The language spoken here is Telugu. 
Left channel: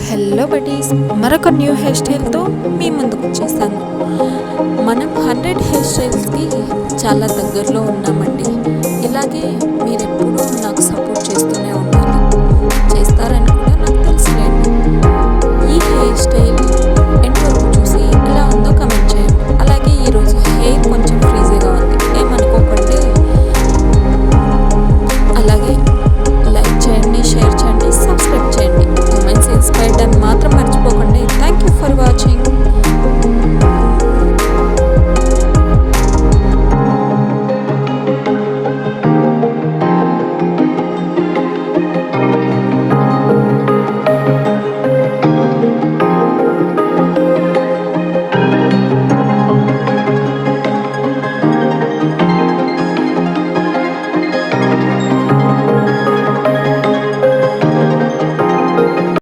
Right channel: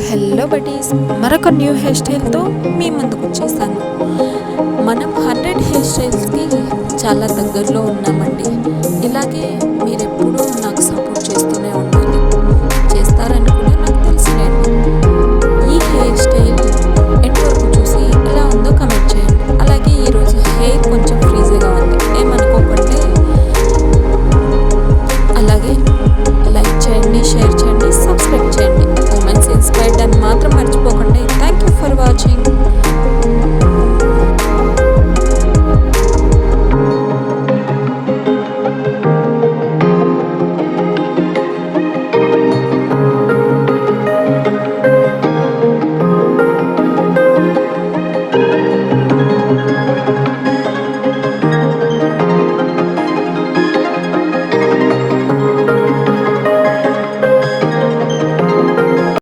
హలో బడీస్, మరొక న్యూ హెయిర్ స్టైల్తో మీ ముందుకు వచ్చేసాను. మనం 100 హెయిర్ స్టైల్స్కి చాలా దగ్గరలో ఉన్నామండి. ఇలాగే మీరు ఎప్పుడూ నాకు సపోర్ట్ చేస్తూనే ఉండాలి, చేస్తారని కూడా నాకు తెలుసులేండి. ఈ హెయిర్ స్టైల్ ఎండ్ వరకు చూసి ఎలా ఉందో కమెంట్ చేయండి. అలాగే ఈరోజు హెయిర్ కొంచెం ఫ్రీజీగా ఉంది, ఏమనుకోకండి. అలాగే లైక్ చేయండి, షేర్ చేయండి, సబ్స్క్రైబ్ చేయండి. ఉమెన్స్ ఇన్స్పైర్డ్ అని మాత్రం మర్చిపోకండి. Thank you for watching.